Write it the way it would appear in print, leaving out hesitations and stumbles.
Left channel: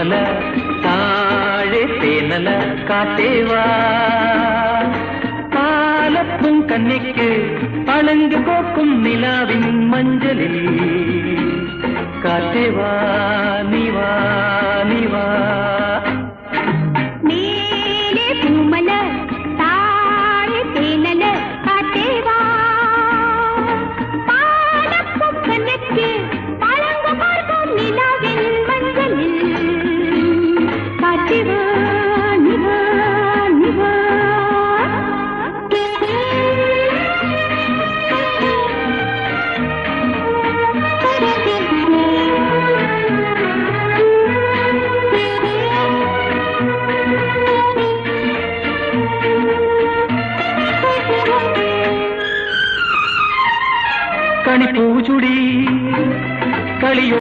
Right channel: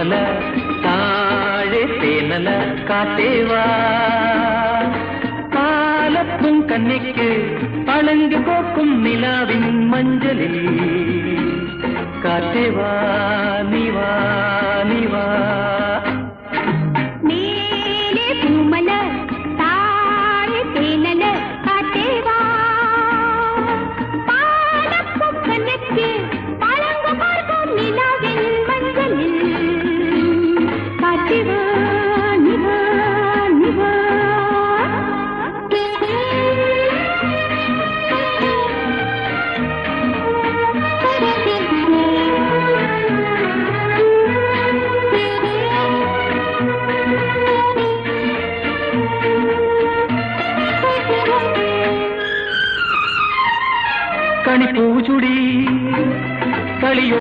തേന്മല താഴെ തേനല കാട്ടേവാ പാലപ്പും കന്നിക്ക് പളങ്ക് കോക്കും നിലാവിൻ മഞ്ചലിൽ കാട്ടേവാ നീവാ